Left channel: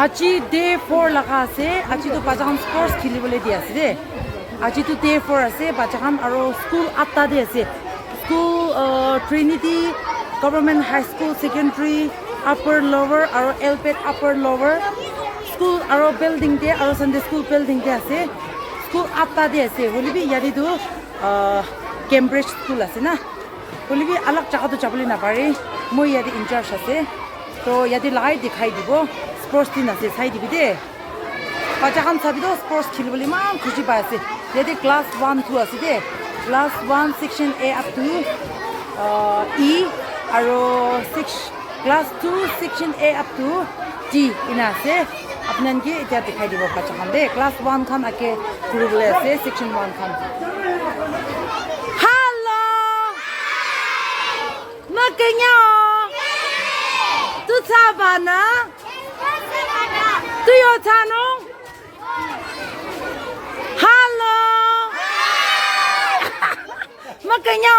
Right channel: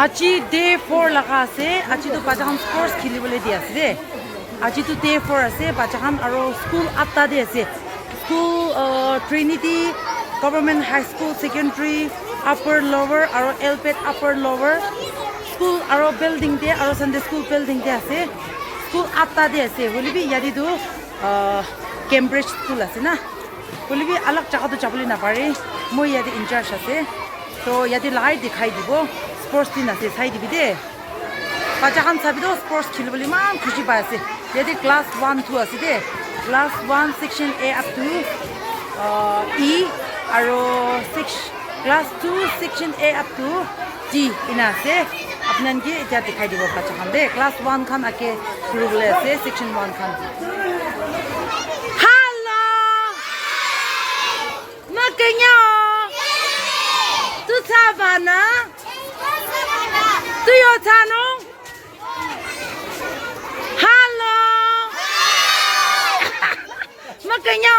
Achi day 4 laga ase. Achi to bacha khan sports khilibole di ase de. Achi to day 4 ase. Bacha khan aro school atta de ase. School Trinity Government High School Secondary Upper Lower aro Elpet Upper Lower School aro building de aro Sunday School building de ase. School atta de ase. Holi bi yadi to Cambridge School ase na. Holi bi alag jaga to jabole na pare. Moi yadi in charge ase. So yadi lagai dikhai dibo. Sports team ase sai dibi de. Bacha khan sabido sports khilibole man khushi pa ase. Yadi class 1 2 ase de. Class 1 section A up to E aro class 2 section A up to D ina ase. Apnan ki eta dikhai dibo bacha khan de. Class 1 khan ake khilibole ase section 1 khan. Hello. Na kenya. Tu sabana. Tu yo chano. Hello. Makanya.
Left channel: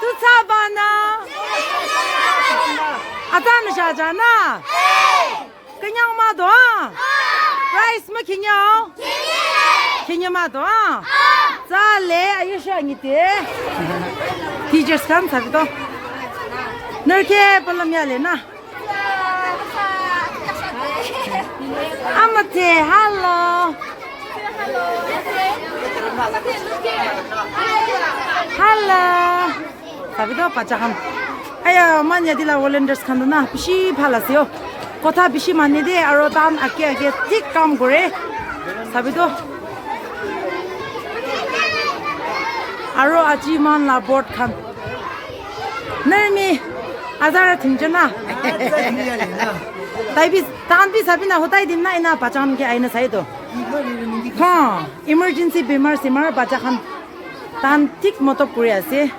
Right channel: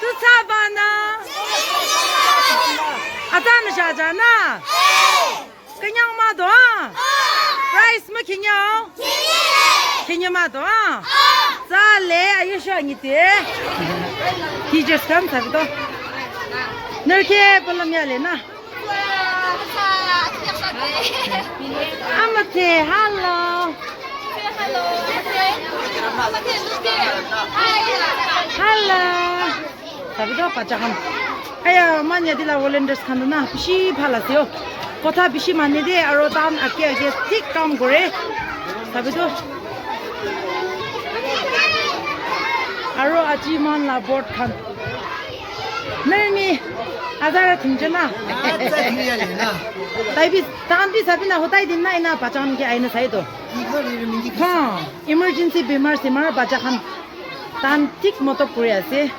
Tu sabana. Atan shajana. Kanya ma do. Rice makanya. Kanya ma do. Za le ayusha ngite. Teachers come sabido. Nerke palamya le na. Amate, hello. Hello. Sabido bacha khan. Aya manya dila volunteers khan na bishi phalasyo. Kotha bishi manne de aro tan ake thik kam kore. Sabido. Aro aji man la board khan. Nermi azara thingjana. Taibi tanti sabina hotai din na ina pacham ke aina sai to. Ha, emergency bimar simar bacha khan tan tik moto puri ase.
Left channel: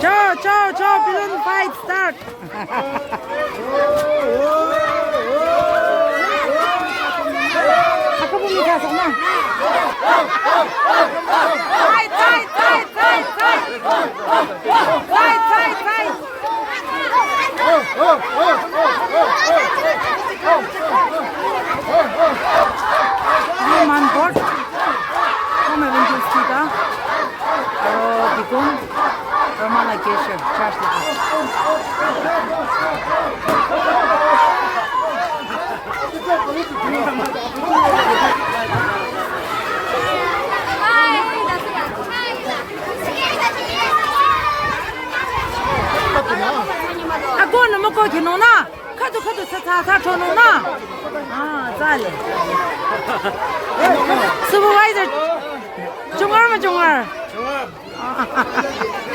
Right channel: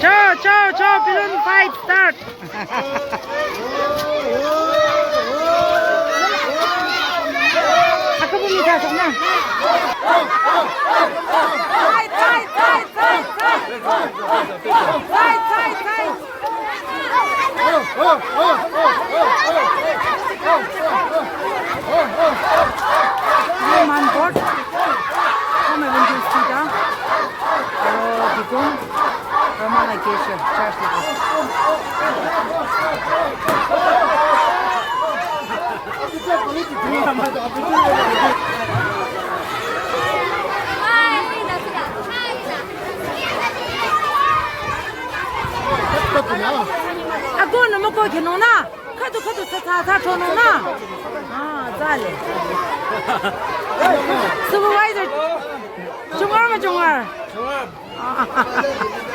Cho balloon fight start. Aku pun minta sana. Fight. Man board. Come and just see that. Aro dikon. Ramana kesha charge la. Ako na mo ko kinona. Kadu sa chonona. Ah, dale. Supervisor. Jungar.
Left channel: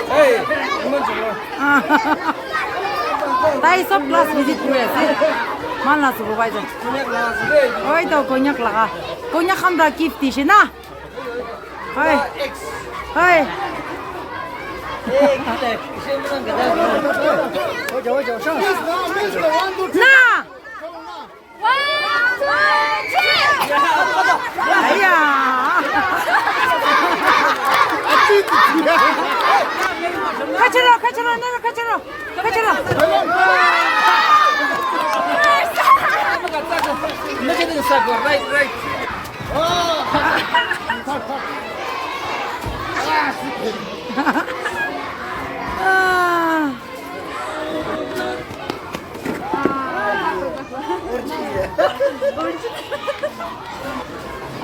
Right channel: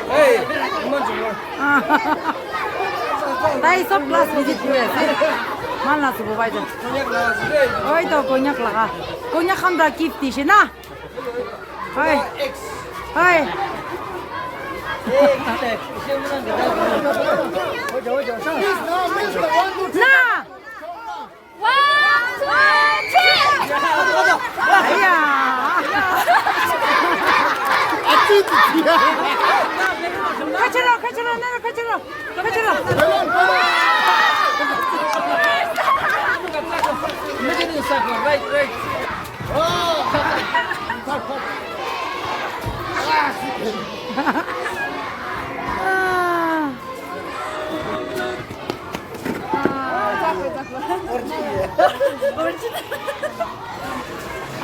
Hey, Jungar. Dai sab class visit kure ase. Malna supervisor. Oi to konyak laga. Konyak kham da gift dishi na. Hai. Na. Aya. Kachalo. Right.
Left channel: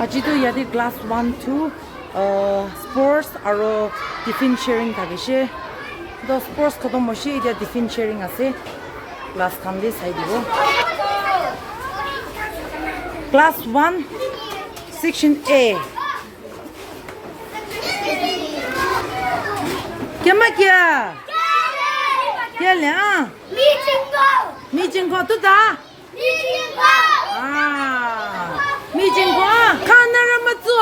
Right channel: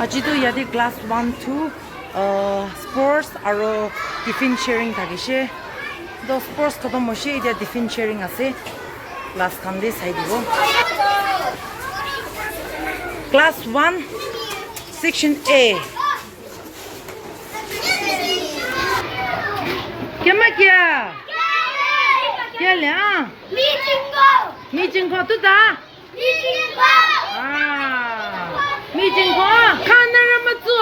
Ajido yadi class 1 2 sports aro tiffin sharing thagishe. The sports khatam hoshi idia tiffin sharing ase. Class khan de sai dibo. Class 1 section A. Kya? Kya le? Meeting ko tu da? Meeting ko. Kana ra ma zu.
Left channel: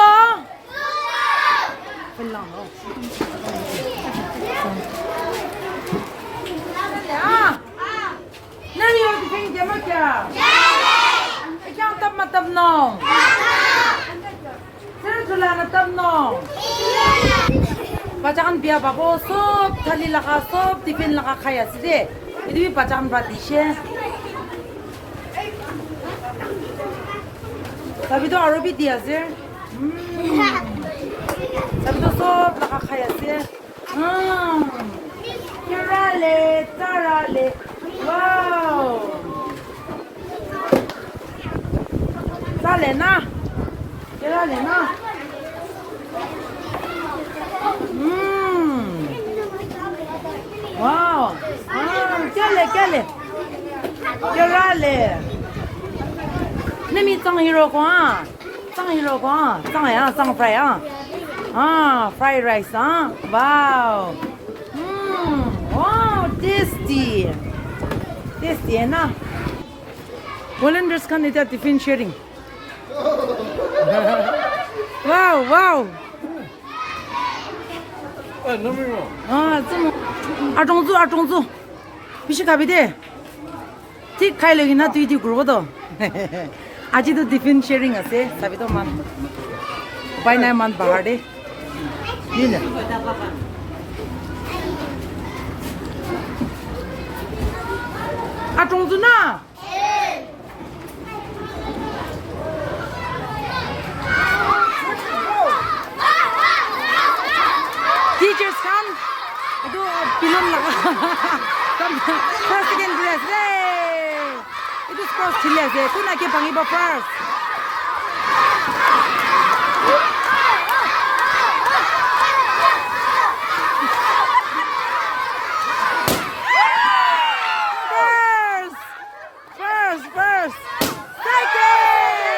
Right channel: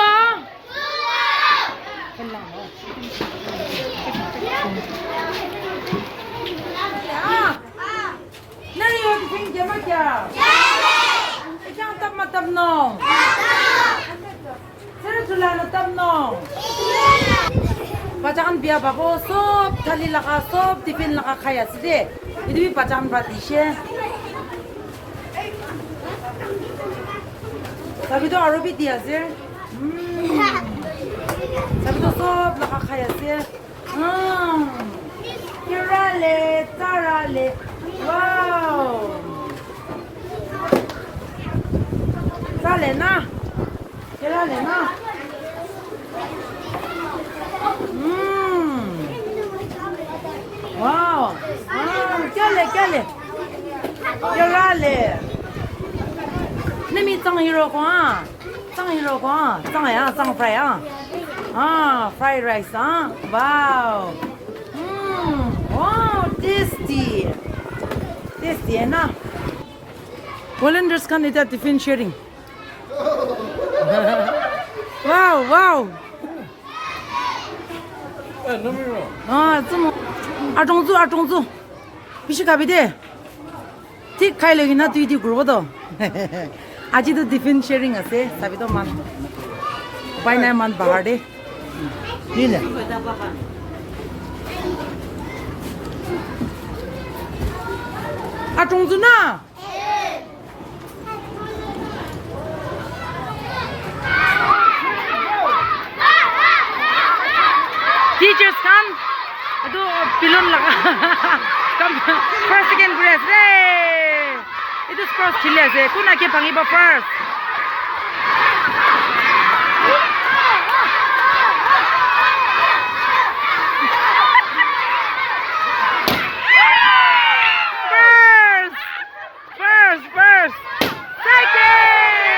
Nari yo tiffin kya ma kya? Ikyang tab nong. Sir chula na tab nong. Bacakan biya babo sob thali laka sob tiffin laka khaya side. Idi bacakan ba dishe. Sabi to Arabic dia sir. Sabi to sob nakakaya sir. Tarale, tarale. Wow. Tarale na. Tarale na. Wow. Chale, chale. Tarale. Nimi tang hero ko ah. Tang hero ko ah. Tang ya, tang fry ah. Fried rice ah. Wow. Wow, tasty. Tasty na. Volunteers kan ita tiffin sharing. Wow, wow. 좀 아종주. 비시 가비데. 티 카일로기나 뒤뒤 그러거든. 아직도 티핀 쉐어링 하세. 사비도 만. 바이나 만 바하데. 니네. 아종주나. Teachers come. Itu pilon laga. Come first second grade. Hey. Itu first chile se. Kuna ke pangi ba first. First. Second.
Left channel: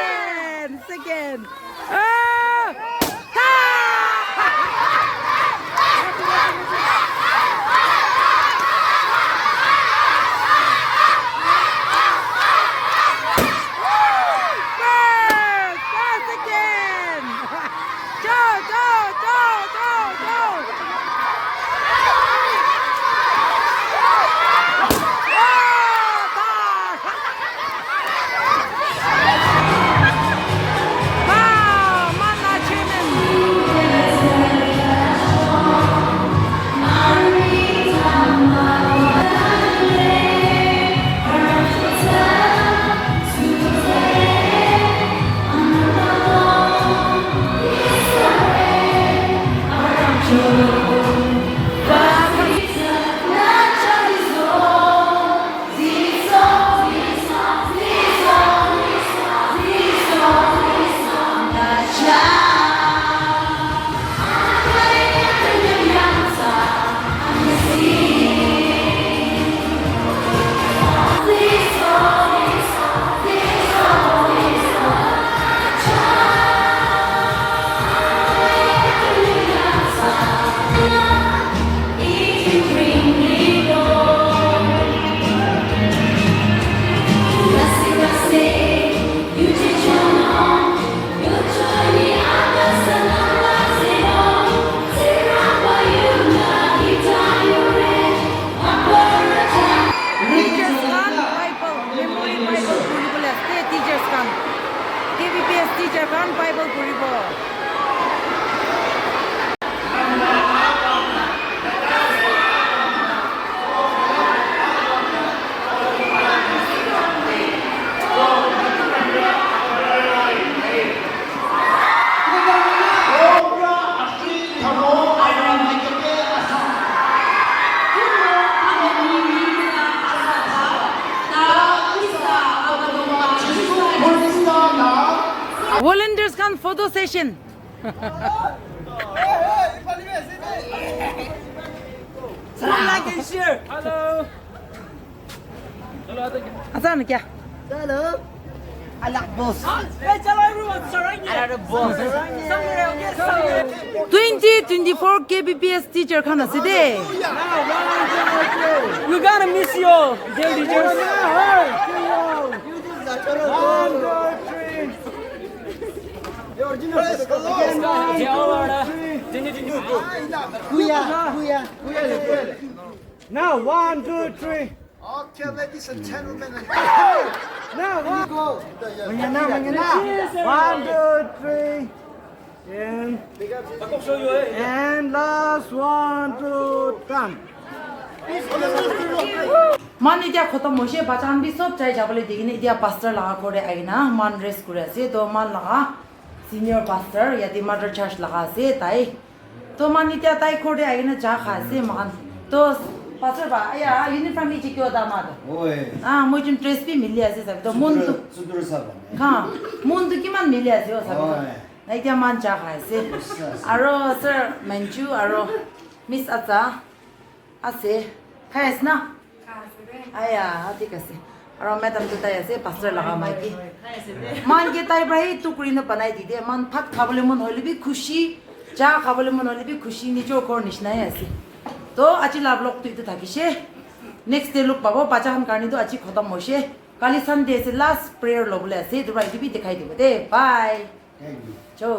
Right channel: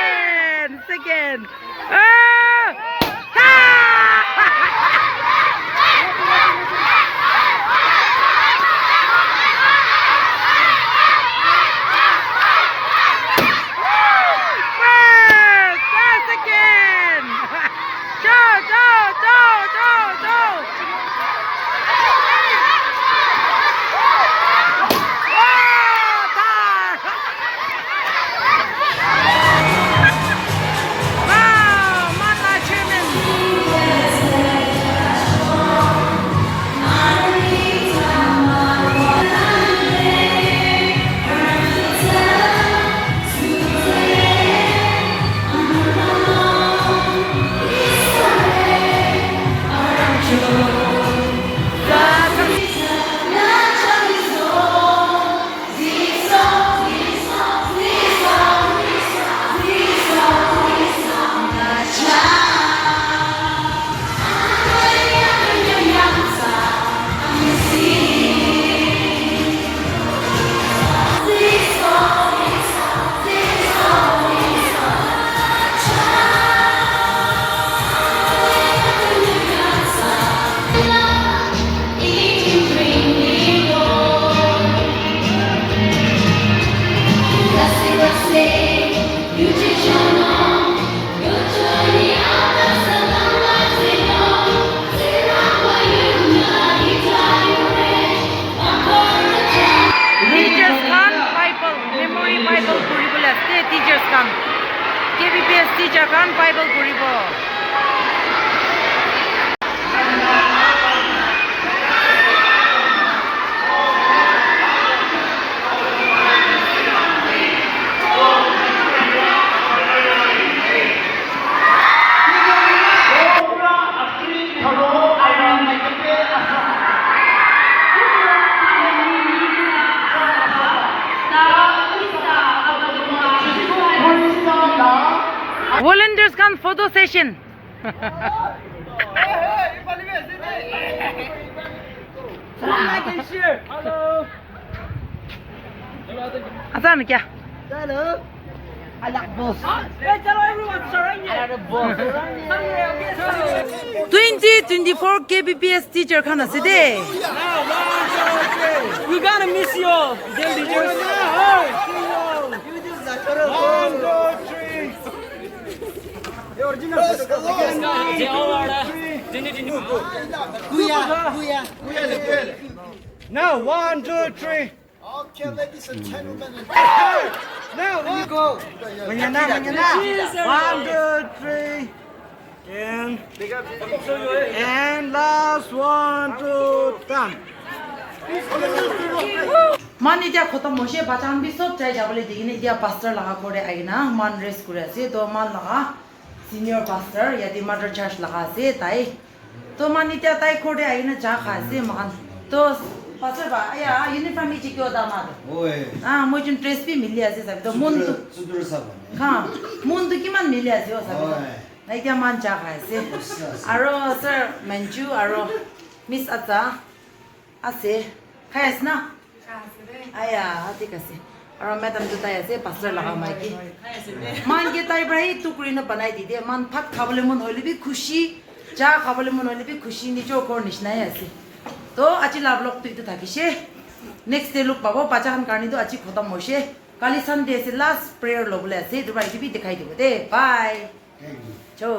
Teachers come. kbbs teacher come Bible puribo. Volunteers come photo session. Hello. Asan kya? Hello. Alak boss. Hey, tell everyone, Alak boss. 2024 kbbs teacher kana side. We gotta miss you. Now, 1, 2, 3. Okay, ladies and gentlemen. Now, one. Go. Mangina. 1, 2, 3. And last 1, 2, 3. मान इतिया खत्म होशे बचान भी सब चाय जाबले दिगिने इतिया pastor लगा कोरे आइना मान रेस करे से तो मान लगा सीनियर पास्टर या दी मदर चर्च लगा से ताई तो मान इतिया ताई कोरे आइना जा खा से मान तो पास्टर बा या यूनिफॉर्म इची क्यों दामाद ओए हां मुझे ड्रेस भी मिल लिया से सब तो मुन तो सुदुर साबा हां मुन तो किमान मिल लिया से सब तो इतिया मान जा खा से आरो सर मंजू आरो मिस आता आसे खायस ना आया ठीक আছে আৰু মেডাম দুটাই আছে পাছৰে লগা মাইকি মান কে তাই ভাই টুকুৰি ন বনাই দি দে মান ভাত খাবলৈ মন হইলে বি খুশি চা খাবলৈ মন হইলে বি খুশি নিজৰ ঘৰ নিচিনাই আছে তো আজি লাভ লগ তুইটো থাকিছে নেক্সট ডে লুক পাব পাচান কাৰণেতো আজি খতম হৈছে কালি সানডে আছে লাষ্ট প্ৰেয়াৰ লবলৈ আছে দুবাৰ ইটো বি দেখাই দিব দে বাই চৌ